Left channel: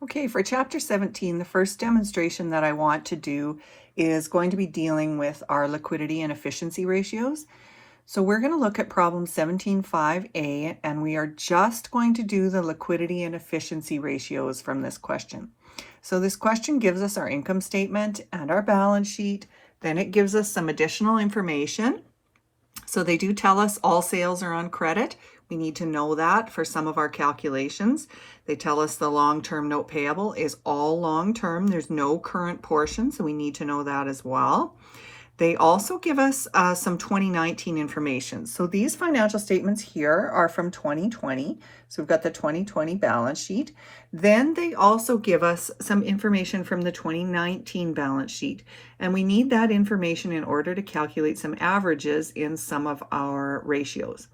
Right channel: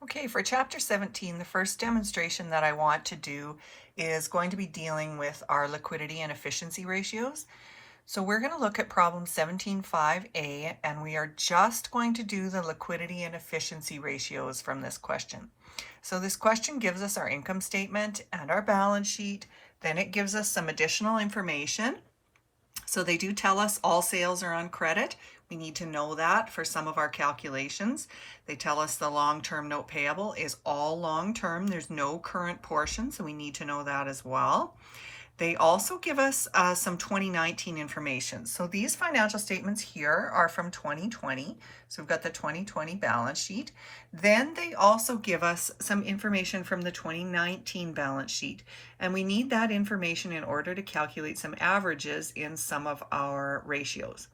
Okay, for chapter 17, the first demonstration that I want to do is going to be dealing with our liquidity and efficiency ratios. So we're going to look at problem 17.5a, and we are just going to do the liquidity and efficiency ratios from this question. So this question gives us our income statement and our balance sheet. Then it gives us some additional information. So they do tell us all sales are on credit. We need to know that for some of our calculations. They tell us the long-term note payable is all long-term. There's no current portion, so we need to know that as well. They also give us some 2019 information. So these financial statements here are from 2020. So we've got the 2020 balance sheet. Then they also give us some information from the 2019 balance sheet. And we need that information in order to calculate some averages in some of our ratios.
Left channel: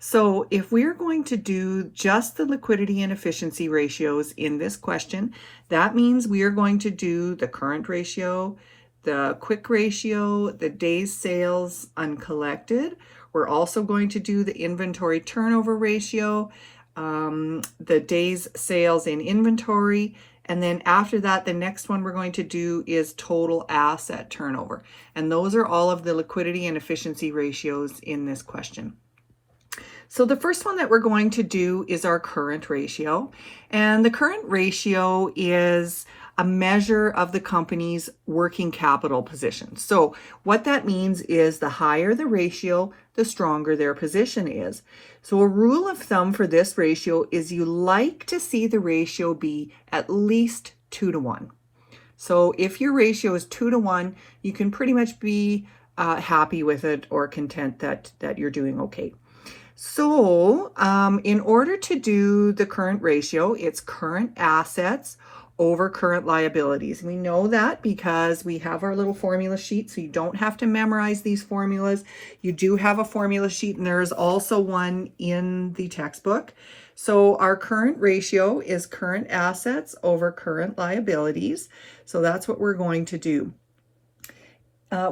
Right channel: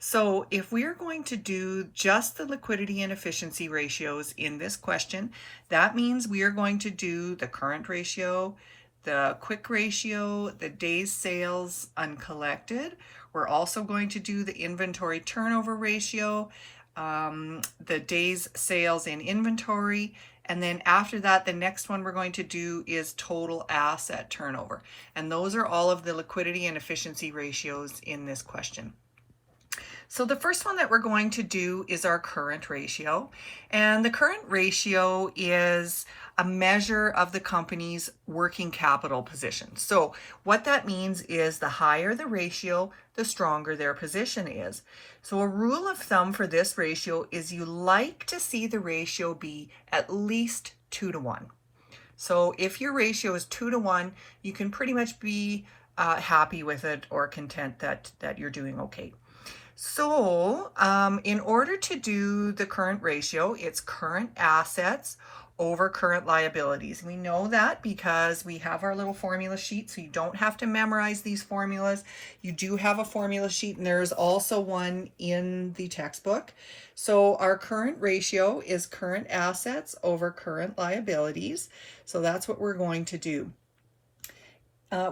So if we're going to do just the liquidity and efficiency ratios in this question, that means we are going to do the current ratio, the quick ratio, the days sales uncollected. We're also going to do the inventory turnover ratio, the days sales in inventory, and then after that, the next one we're going to do is total asset turnover. And those are all of the liquidity and efficiency ratios in this question. So the first one that we're going to do is our current ratio. And the current ratio is a measure of the company's working capital position. So what that means is the higher the ratio, the stronger their position is. So a rule of thumb for this ratio is you like to see the ratio be at least 2 to 1. So if your ratio is 2 to 1, you can pretty much be happy with it or content that you're doing okay. So in order to do the current ratio, it's current assets over current liabilities. We know that because we have our little formula sheet, so you don't have to memorize these formulas. You do have a formula sheet, and there's also one in the textbook. So our current ratio is current assets over current liabilities. So that's what we're going to do.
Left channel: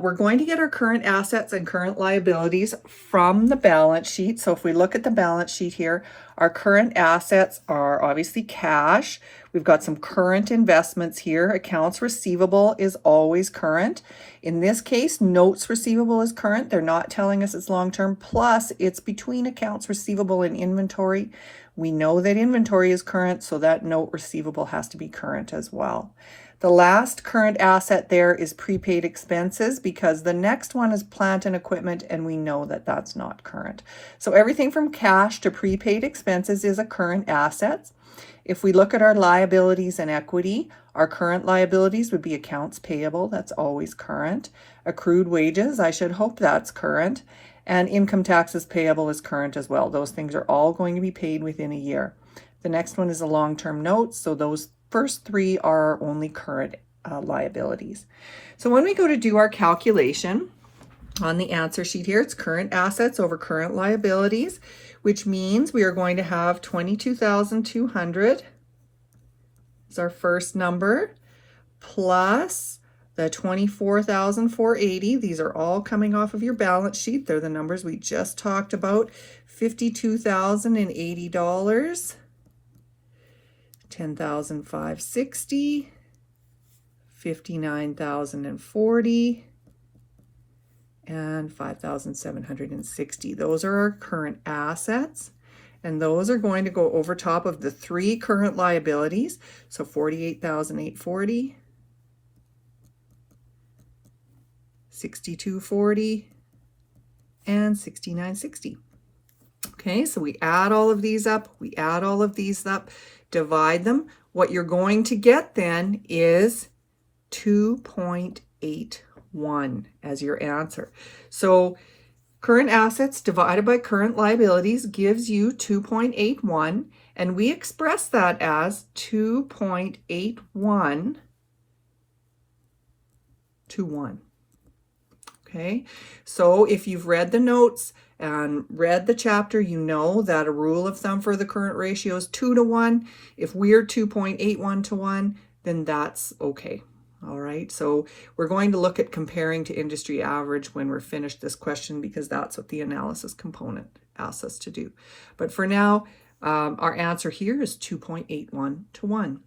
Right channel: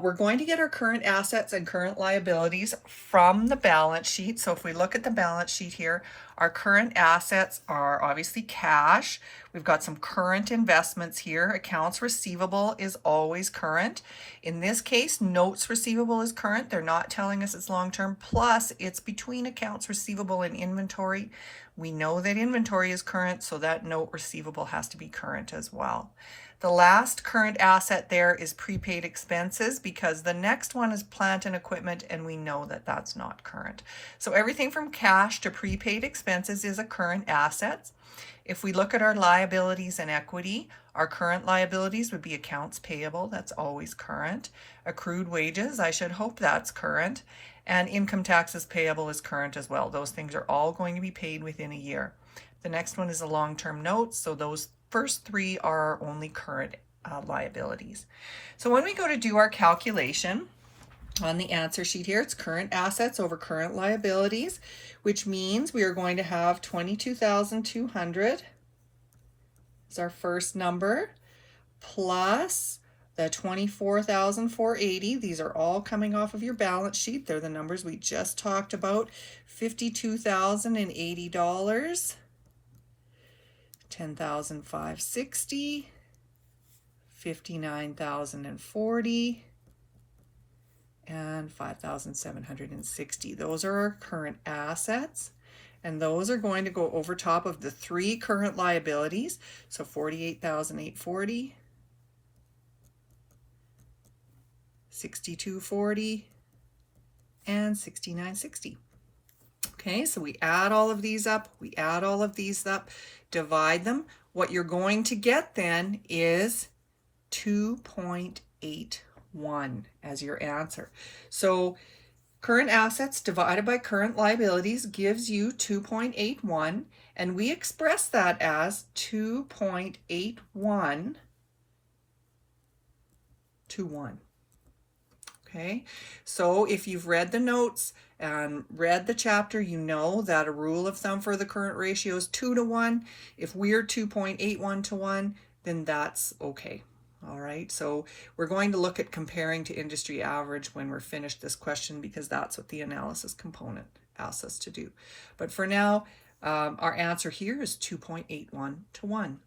We're going to get our current assets and current liabilities from the balance sheet. So if we look at the balance sheet here, our current assets are obviously cash. We've got some current investments here. Accounts receivable is always current. In this case, notes receivable is current. They're not telling us it's long-term. Plus, it's between accounts receivable and inventory. We know that inventory is current, so that note receivable has to be current as well. The last current asset there is prepaid expenses because the next one is plant and equipment, and we know that that's not current. So everything from cash to prepaid expenses is a current asset. If we look at our liabilities and equity, our current liabilities would be accounts payable. That's always current. Accrued wages, I should hope that's current. And income taxes payable is current as well. Those things are all going to be paid within a year. The next one is a long-term note. So those first three are only current liabilities. So when we go to do our calculation on the answer sheet here, it's current assets over current liabilities, which means we are going to have 22,200 is our first number, plus the 24,480. These are all coming off of your balance sheet. They're the numbers we just talked about. $52,080. 10,560, 59,040, and 5,760. Those are our current assets, and those are going to go over top of the three current liabilities. So 48,840, 6240, and 6960. Okay, so we add all of these up, divide them. What you're going to get then is 2.81 as your answer. So current assets divided by current liabilities gives you 2.81, and we express that as 2.81 to 1. Okay, so if you've read the notes and read the chapter, you know that a rule of thumb for the current ratio is 2 to 1. If we're 2.81 to 1, then that's okay. All right, so we're going to look at comparing to industry average when we're finished this question, because that's what the analysis component asks us to do. But for now, our answer here is 2.81 to 1.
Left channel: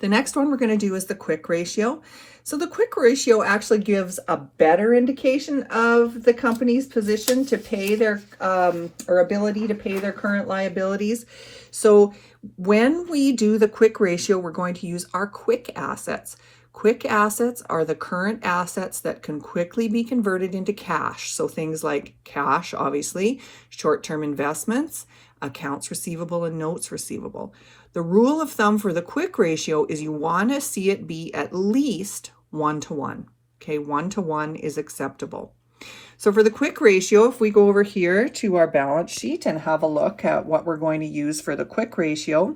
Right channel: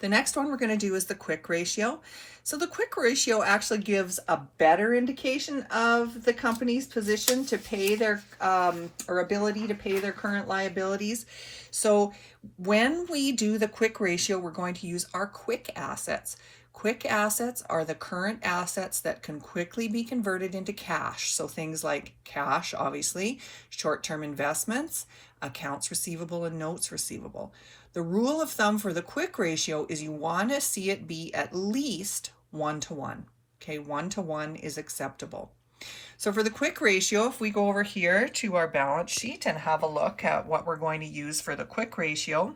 The next one we're going to do is the quick ratio. So the quick ratio actually gives a better indication of the company's position to pay their or ability to pay their current liabilities. So when we do the quick ratio, we're going to use our quick assets. Quick assets are the current assets that can quickly be converted into cash. So things like cash, obviously, short-term investments, accounts receivable, and notes receivable. The rule of thumb for the quick ratio is you want to see it be at least 1-to-1. Okay, 1-to-1 is acceptable. So for the quick ratio, if we go over here to our balance sheet and have a look at what we're going to use for the quick ratio,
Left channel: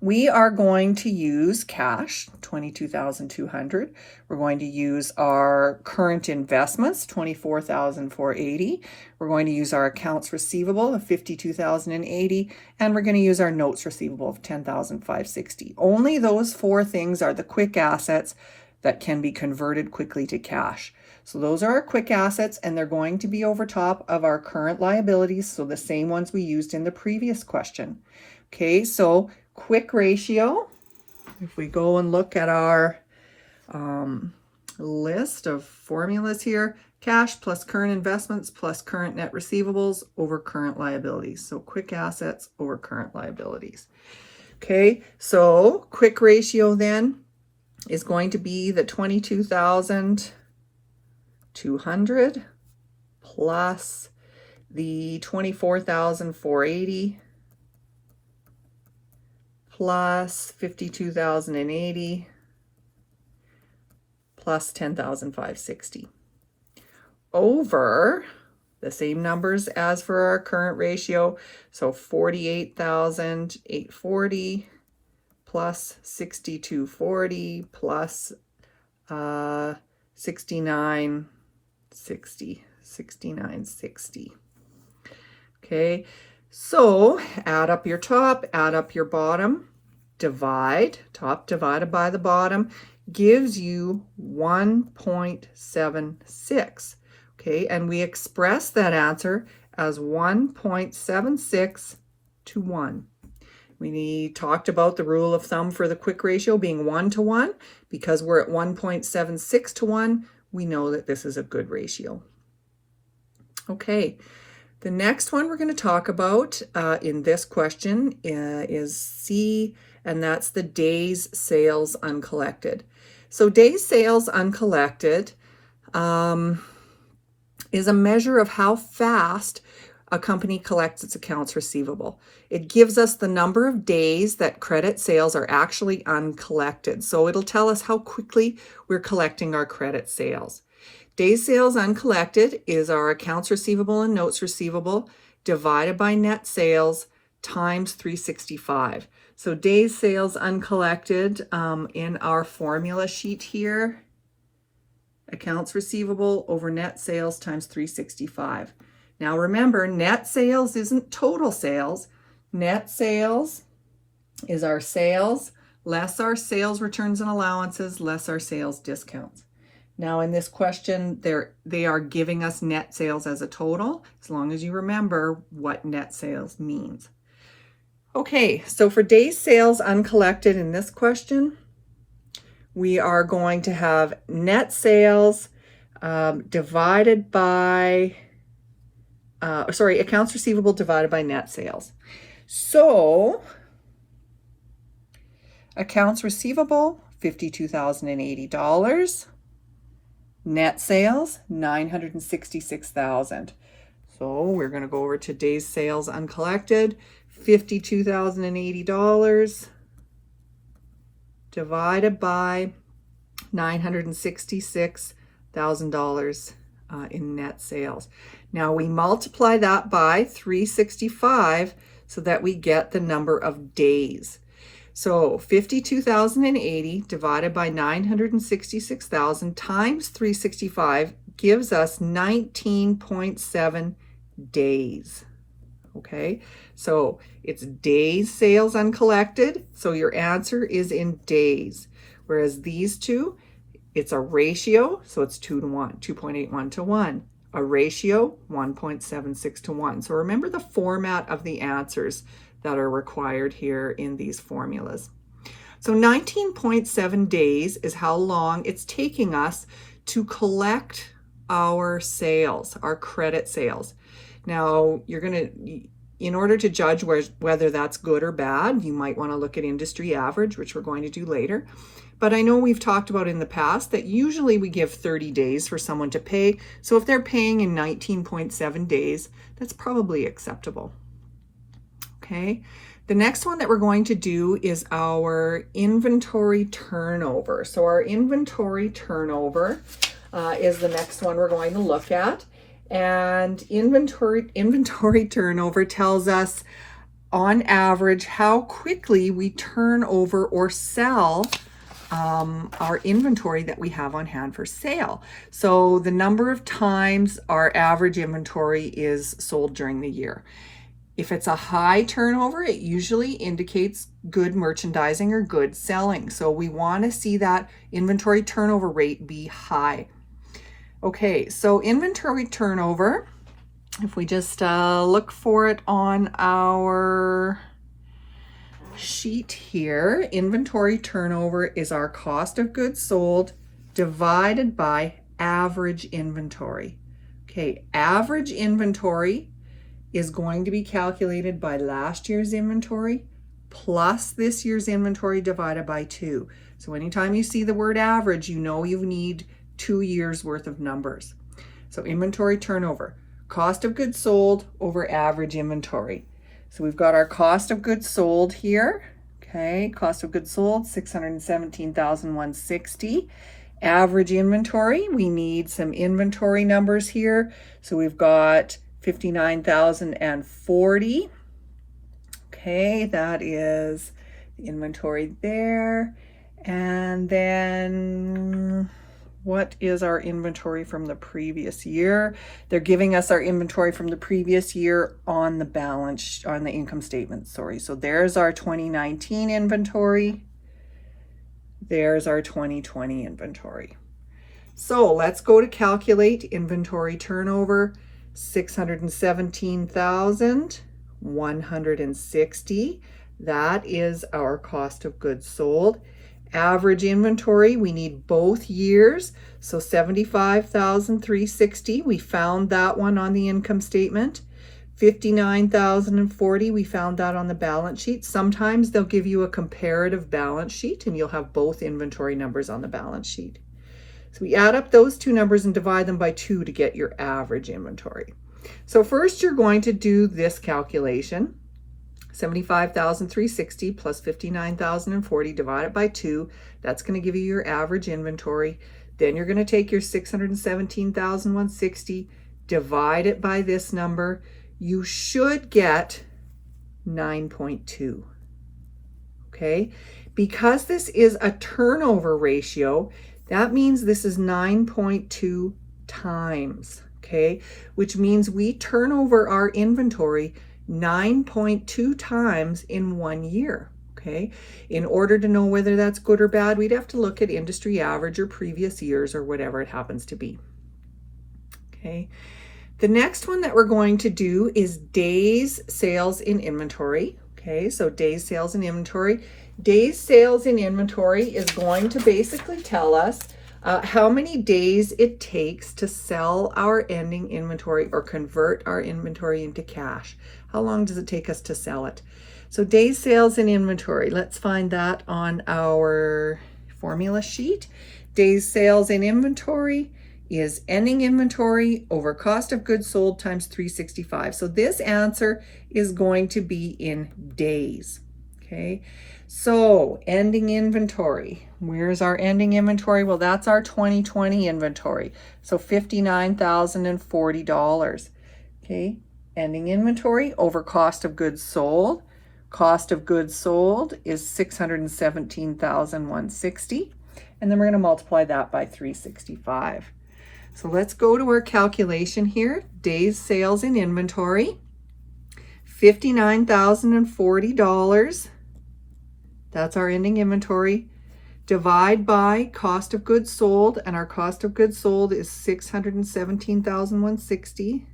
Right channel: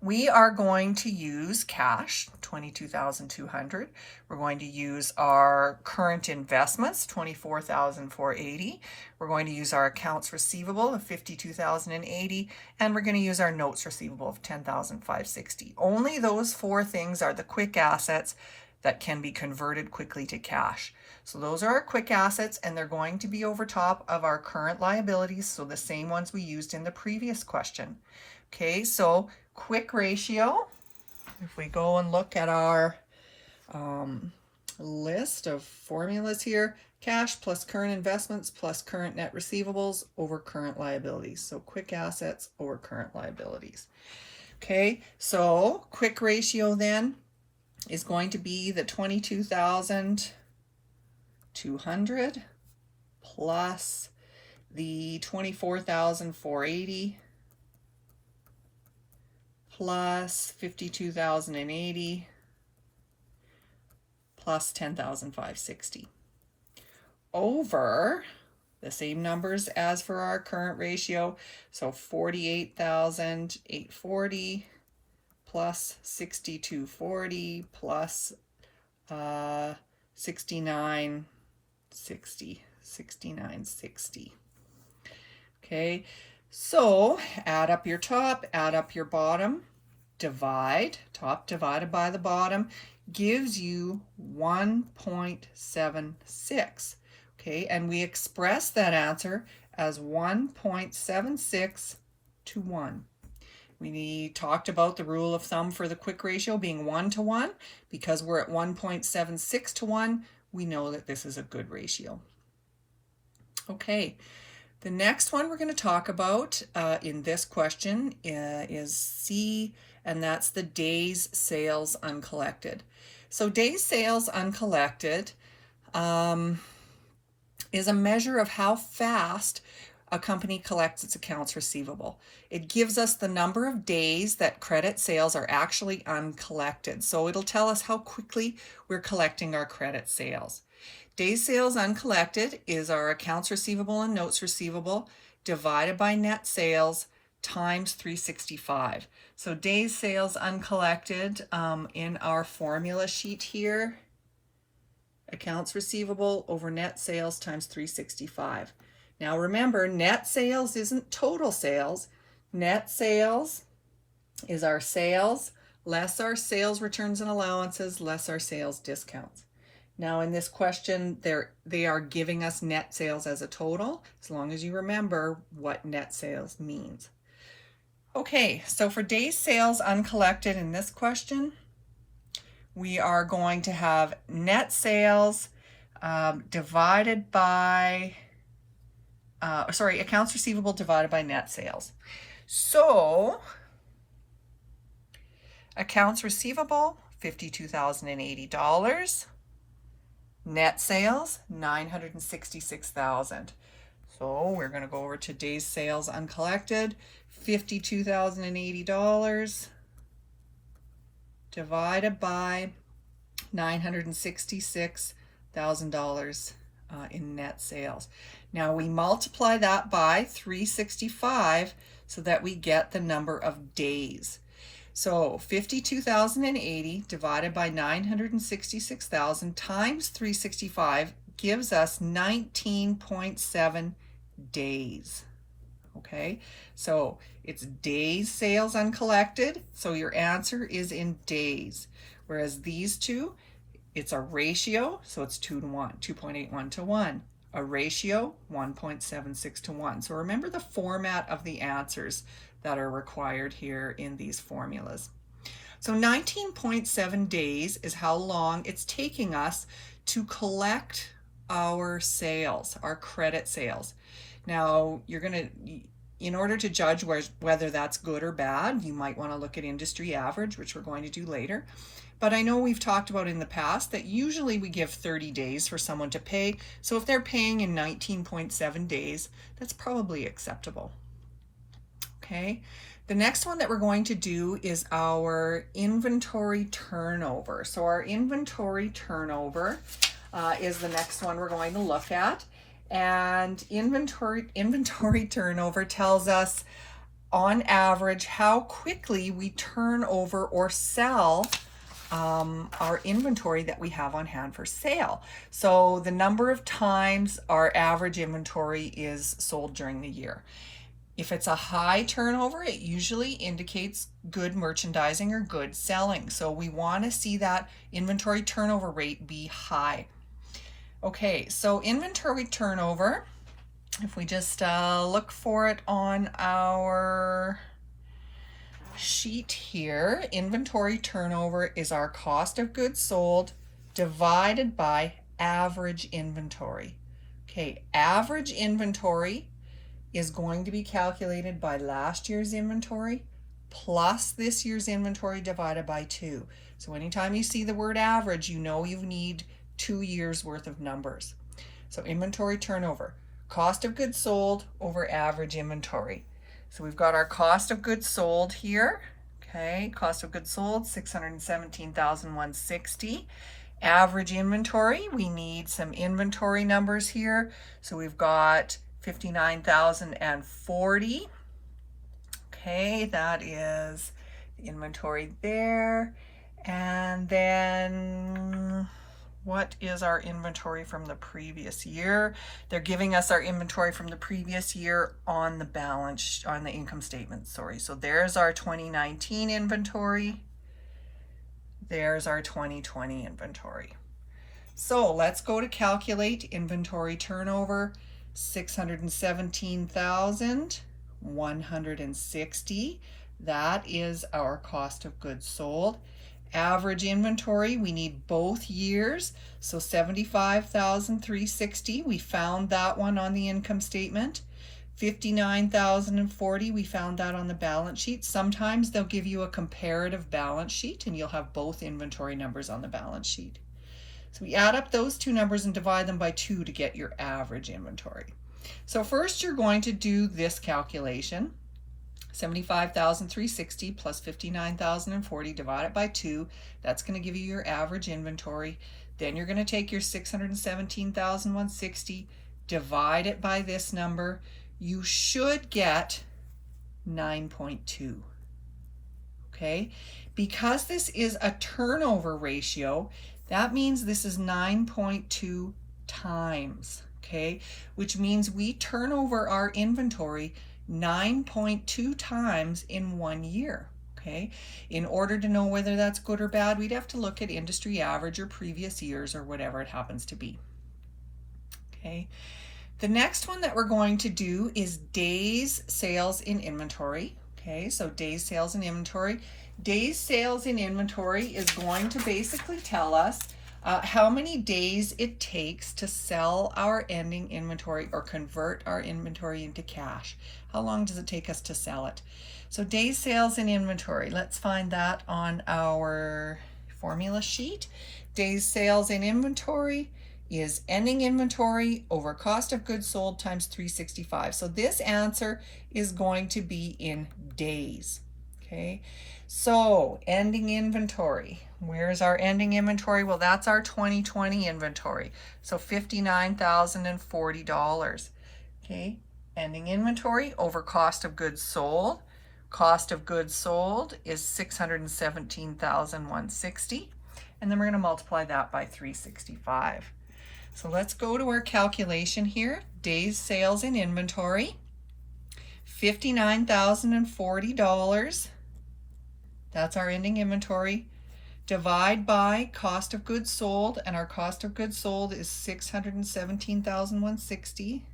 we are going to use cash, $22,200. We're going to use our current investments, $24,480. We're going to use our accounts receivable of $52,080, and we're going to use our notes receivable of $10,560. Only those four things are the quick assets that can be converted quickly to cash. So those are our quick assets, and they're going to be over top of our current liabilities, so the same ones we used in the previous question. Okay, so quick ratio, if we go and look at our list of formulas here, cash plus current investments plus current net receivables over current liabilities. So quick assets over current liabilities. Okay, so quick ratio then is going to be the 22,200 plus the 24,480 plus 52,080 plus 10,560 over the same numbers as for our current ratio. So 48,840 plus 6,240 plus 6960. Okay, so add up your top, add up your bottom, divide, top divided by the bottom gives you 1.76. Okay, and we express that answer as 1.76 to 1. We talked about the rule of thumb for the quick ratio being 1-to-1. Because we're at 1.76 to 1, we know that this is a good ratio. Okay, the next one we're going to talk about in this question is C, and that's the days sales uncollected. So days sales uncollected is a measure of how fast a company collects its accounts receivable. It gives us the number of days that credit sales are actually uncollected. So it'll tell us how quickly we're collecting our credit sales. Days sales uncollected is our accounts receivable and notes receivable divided by net sales times 365. So days sales uncollected in our formula sheet here, accounts receivable over net sales times 365. Now remember, net sales isn't total sales. Net sales is our sales less our sales returns and allowances less our sales discounts. Now in this question, they are giving us net sales as a total, as long as you remember what net sales means. Okay, so for days sales uncollected in this question, we are going to have net sales divided by, accounts receivable divided by net sales. So accounts receivable, $52,080. Net sales, $966,000. So we're going to go over to days sales uncollected, $52,080 divided by $966,000 in net sales. Now we multiply that by 365 so that we get the number of days. So 52,080 divided by 966,000 times 365 gives us 19.7 days. Okay, so it's days sales uncollected, so your answer is in days. Whereas these two, it's a ratio, so it's 2-to-1, 2.81 to 1. A ratio, 1.76 to 1. So remember the format of the answers that are required here in these formulas. So 19.7 days is how long it's taking us to collect our sales, our credit sales. Now, in order to judge whether that's good or bad, you might want to look at industry average, which we're going to do later. But I know we've talked about in the past that usually we give 30 days for someone to pay. So if they're paying in 19.7 days, that's probably acceptable. Okay. The next one that we're going to do is our inventory turnover. So our inventory turnover is the next one we're going to look at. And inventory turnover tells us on average how quickly we turn over or sell our inventory that we have on hand for sale. So the number of times our average inventory is sold during the year. If it's a high turnover, it usually indicates good merchandising or good selling. So we want to see that inventory turnover rate be high. Okay, so inventory turnover, if we just look for it on our sheet here, inventory turnover is our cost of goods sold divided by average inventory. Okay, average inventory is going to be calculated by last year's inventory plus this year's inventory divided by 2. So anytime you see the word average, you know you need 2 years worth of numbers. So inventory turnover, cost of goods sold over average inventory. So we've got our cost of goods sold here. Okay, cost of goods sold, $617,160. Average inventory, we need some inventory numbers here. So we've got 59,040. Okay, that is the inventory there. And then what is our inventory from the previous year? They're giving us our inventory from the previous year on the income statement, sorry. So there's our 2019 inventory. There's our 2020 inventory. So let's go to calculate inventory turnover. 617,160. That is our cost of goods sold. Average inventory, we need both years. So 75,360. We found that one on the income statement. 59,040. We found that on the balance sheet. Sometimes they'll give you a comparative balance sheet and you'll have both inventory numbers on the balance sheet. So we add up those two numbers and divide them by 2 to get your average inventory. So first you're going to do this calculation. 75,360 plus 59,040 divided by 2. That's going to give you your average inventory. Then you're going to take your 617,160, divide it by this number. You should get 9.2. Okay? Because this is a turnover ratio, that means this is 9.2 times, okay? Which means we turn over our inventory 9.2 times in 1 year, okay? In order to know whether that's good or bad, we'd have to look at industry average or previous years or whatever it happens to be, okay? The next one that we're going to do is days sales in inventory, okay? So days sales in inventory. Days sales in inventory is going to basically tell us how many days it takes to sell our ending inventory or convert our inventory into cash. How long does it take us to sell it? So days sales in inventory, let's find that on our formula sheet. Days sales in inventory is ending inventory over cost of goods sold times 365. So this answer is going to be in days, okay? So ending inventory, where's our ending inventory? Well, that's our 2020 inventory. So $59,040, okay? Ending inventory over cost of goods sold. Cost of goods sold is $617,160. And then we're going to multiply that by 365. So let's go to our calculation here. Days sales in inventory, $59,040. That's our ending inventory. Divide by cost of goods sold, and our cost of goods sold is $617,160.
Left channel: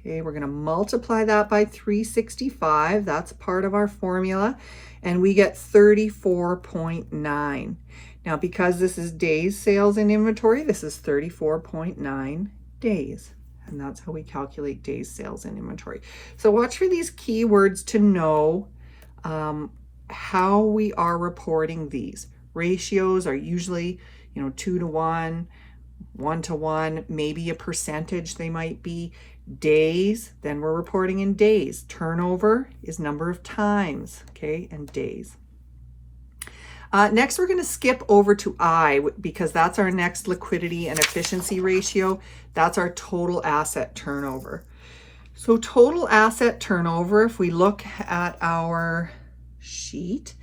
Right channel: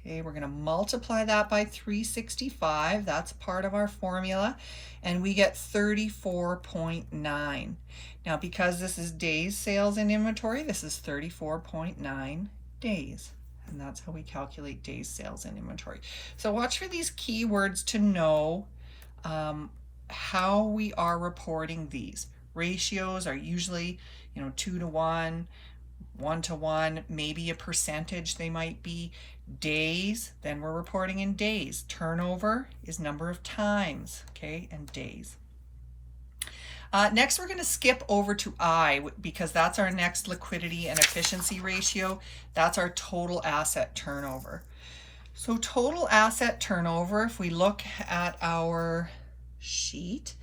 Okay, we're going to multiply that by 365. That's part of our formula. And we get 34.9. Now, because this is days sales in inventory, this is 34.9 days. And that's how we calculate days sales in inventory. So watch for these keywords to know how we are reporting these. Ratios are usually, 2 to 1, 1 to 1, maybe a percentage they might be. Days, then we're reporting in days. Turnover is number of times, okay, and days. Next, we're going to skip over to I because that's our next liquidity and efficiency ratio. That's our total asset turnover. So total asset turnover, if we look at our sheet,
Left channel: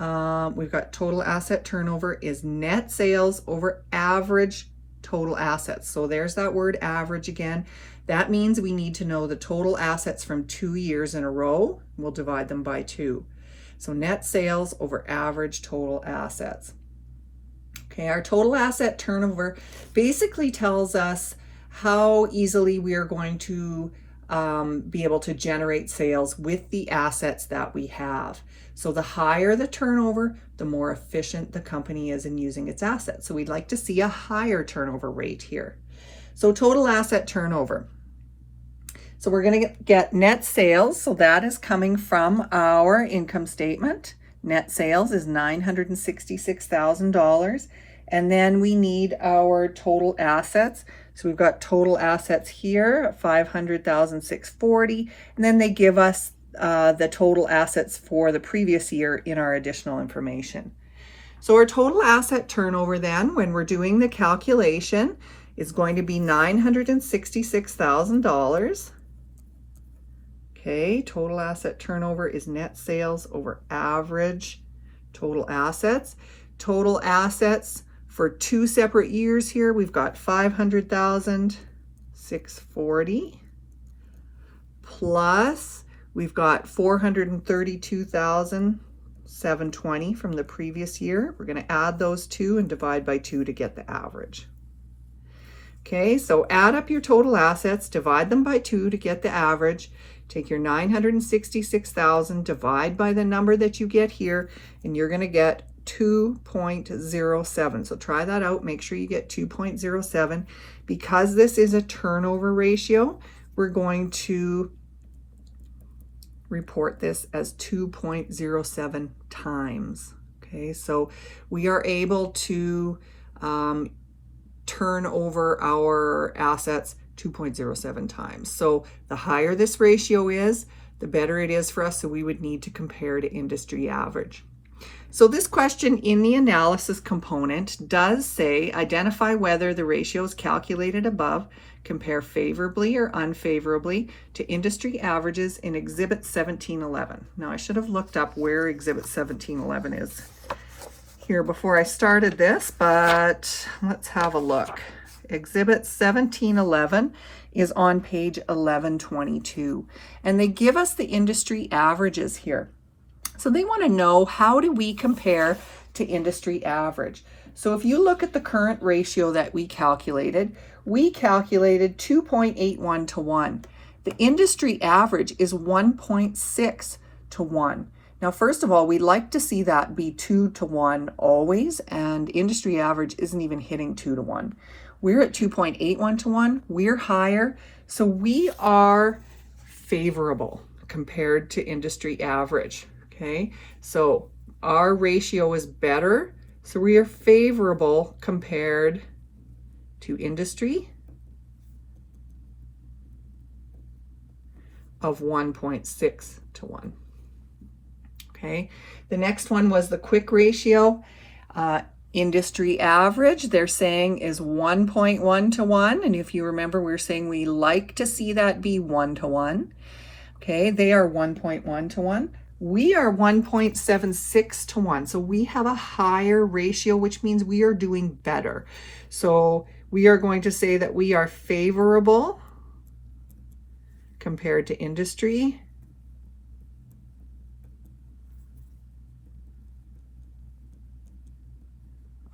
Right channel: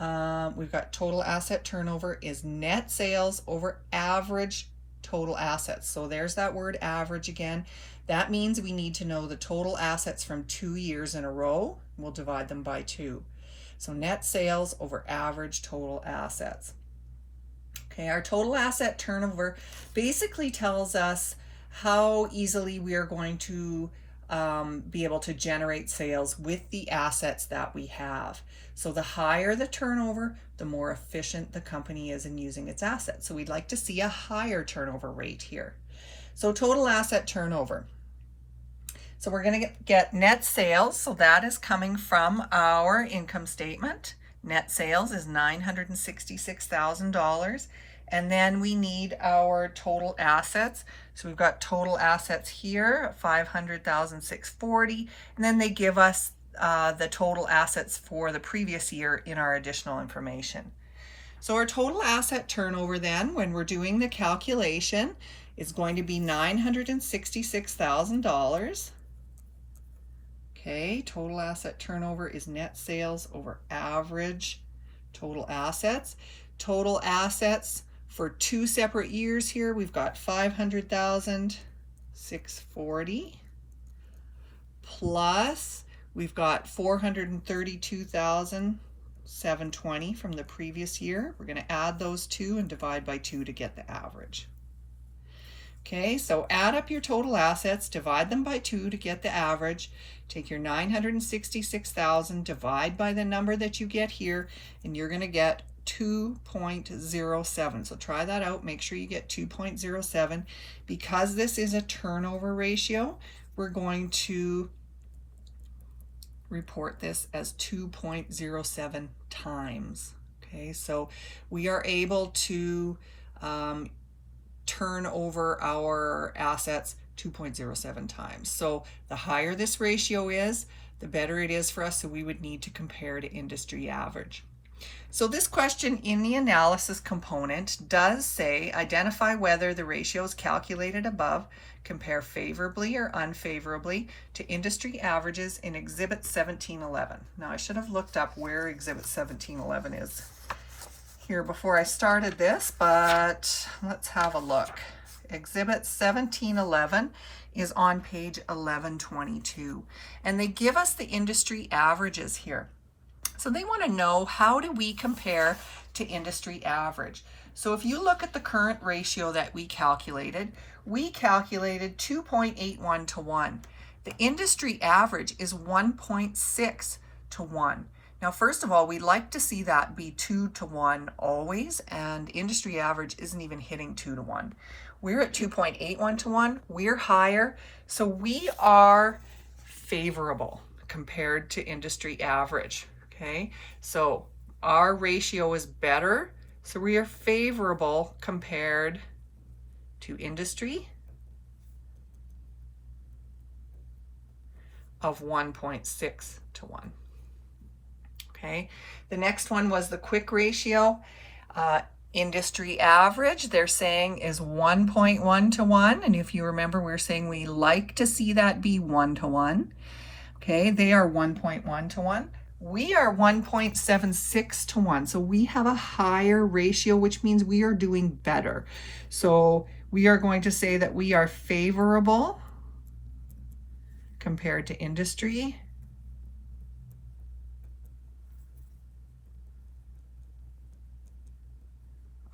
we've got total asset turnover is net sales over average total assets. So there's that word average again. That means we need to know the total assets from 2 years in a row. We'll divide them by 2. So net sales over average total assets. Okay, our total asset turnover basically tells us how easily we are going to be able to generate sales with the assets that we have. So the higher the turnover, the more efficient the company is in using its assets. So we'd like to see a higher turnover rate here. So total asset turnover. So we're going to get net sales. So that is coming from our income statement. Net sales is $966,000. And then we need our total assets. So we've got total assets here, $500,640. And then they give us the total assets for the previous year in our additional information. So our total asset turnover then, when we're doing the calculation, is going to be $966,000. Okay, total asset turnover is net sales over average total assets. Total assets for 2 separate years here, we've got 500,640 plus we've got 432,720 from the previous year. We're going to add those two and divide by 2 to get the average. Okay, so add up your total assets, divide them by 2 to get the average. Take your 966,000, divide by the number that you get here, and you're going to get 2.07. So try that out. Make sure you get 2.07. Because this is a turnover ratio, we're going to report this as 2.07 times. Okay, so we are able to turn over our assets 2.07 times. So the higher this ratio is, the better it is for us. So we would need to compare to industry average. So this question in the analysis component does say, identify whether the ratios calculated above compare favorably or unfavorably to industry averages in Exhibit 1711. Now I should have looked up where Exhibit 1711 is here before I started this, but let's have a look. Exhibit 1711 is on page 1122, and they give us the industry averages here. So they want to know, how do we compare to industry average? So if you look at the current ratio that we calculated 2.81 to 1. The industry average is 1.6 to 1. Now, first of all, we'd like to see that be 2 to 1 always, and industry average isn't even hitting 2 to 1. We're at 2.81 to 1. We're higher, so we are favorable compared to industry average. Okay, so our ratio is better, so we are favorable compared to industry of 1.6 to 1. Okay, the next one was the quick ratio. Industry average, they're saying, is 1.1 to 1. And if you remember, we're saying we like to see that be 1 to 1. Okay, they are 1.1 to 1. We are 1.76 to 1. So we have a higher ratio, which means we are doing better. So we are going to say that we are favorable compared to industry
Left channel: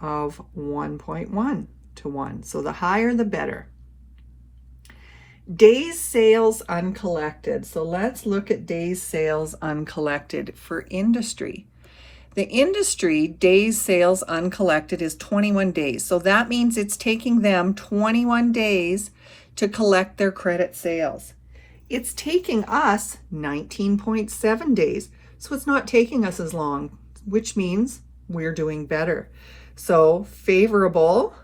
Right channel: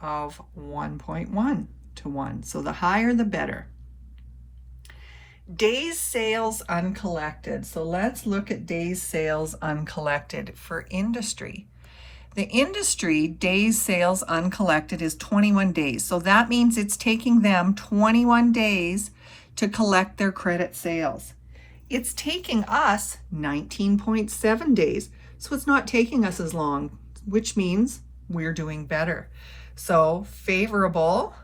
of 1.1 to 1. So the higher, the better. Days sales uncollected. So let's look at days sales uncollected for industry. The industry days sales uncollected is 21 days. So that means it's taking them 21 days to collect their credit sales. It's taking us 19.7 days. So it's not taking us as long, which means we're doing better. So favorable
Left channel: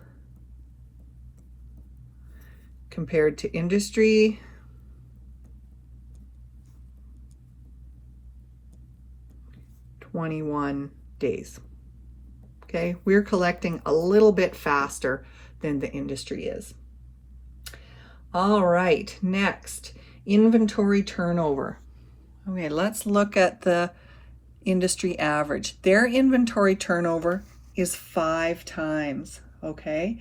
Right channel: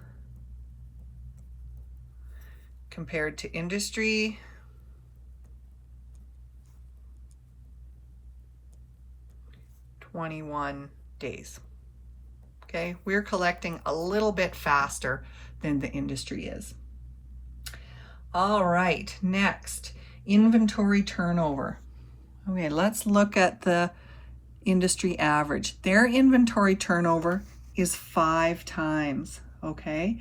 compared to industry. (21 days). Okay, we're collecting a little bit faster than the industry is. All right, next, inventory turnover. Okay, let's look at the industry average. Their inventory turnover is 5 times, okay?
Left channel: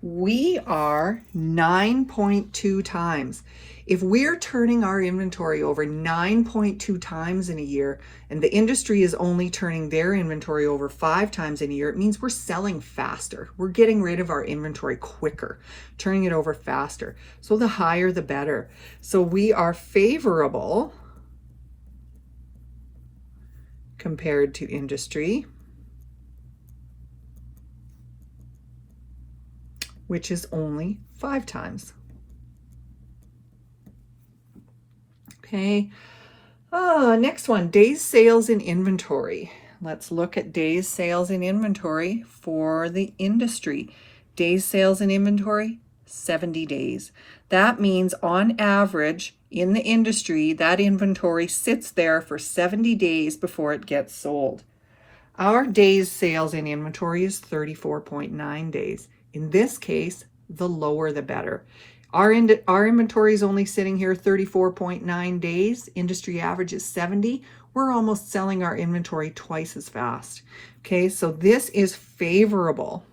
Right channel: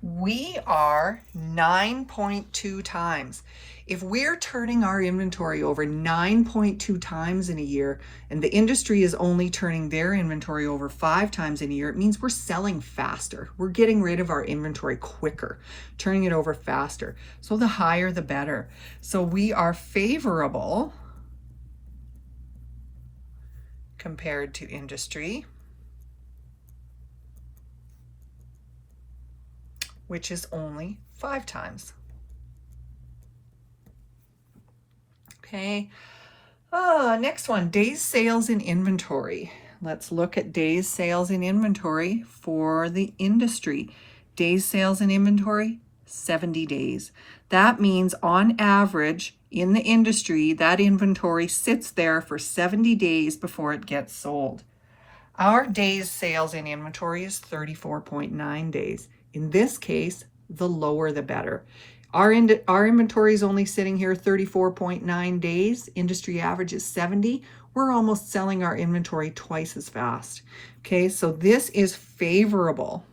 We are 9.2 times. If we're turning our inventory over 9.2 times in a year, and the industry is only turning their inventory over 5 times in a year, it means we're selling faster. We're getting rid of our inventory quicker, turning it over faster. So the higher, the better. So we are favorable compared to industry, which is only 5 times. Okay, next one, days sales in inventory. Let's look at days sales in inventory for the industry. Days sales in inventory, 70 days. That means on average in the industry, that inventory sits there for 70 days before it gets sold. Our days sales in inventory is 34.9 days. In this case, the lower the better. Our inventory is only sitting here 34.9 days. Industry average is 70. We're almost selling our inventory twice as fast. Okay, so this is favorable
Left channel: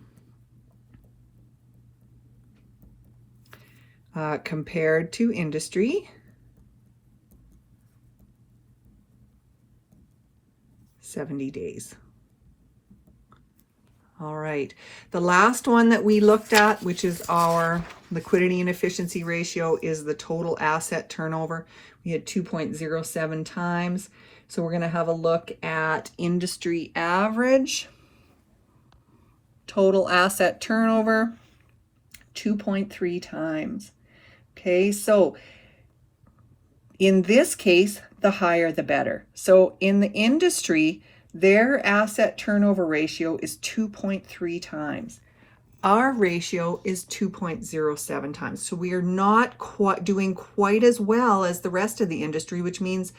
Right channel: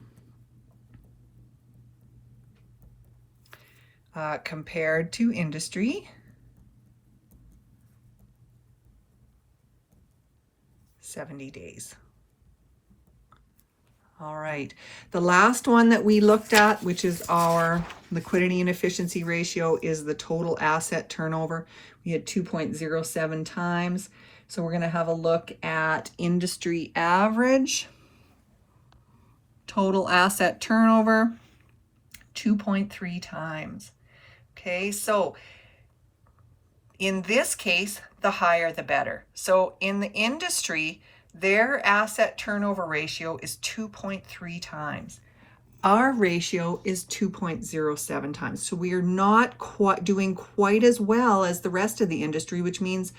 compared to industry. 70 days. All right, the last one that we looked at, which is our liquidity and efficiency ratio, is the total asset turnover. We had 2.07 times. So we're going to have a look at industry average. Total asset turnover, 2.3 times. Okay, so in this case, the higher the better. So in the industry, their asset turnover ratio is 2.3 times. Our ratio is 2.07 times. So we are not doing quite as well as the rest of the industry, which means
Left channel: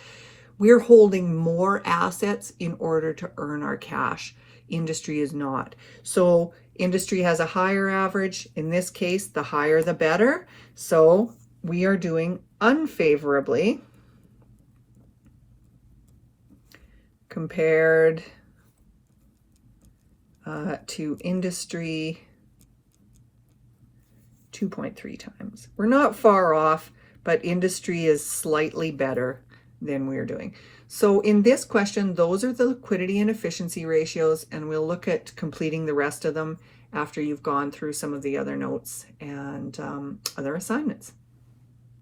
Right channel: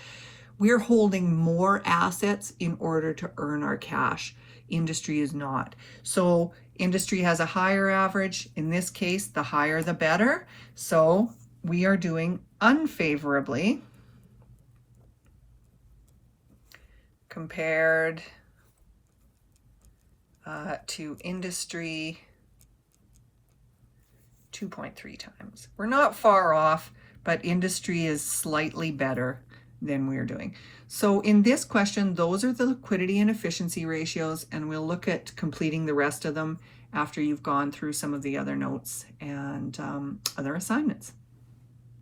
we're holding more assets in order to earn our cash. Industry is not. So industry has a higher average. In this case, the higher the better. So we are doing unfavorably compared to industry, 2.3 times. We're not far off, but industry is slightly better than we're doing. So in this question, those are the liquidity and efficiency ratios, and we'll look at completing the rest of them after you've gone through some of the other notes and other assignments.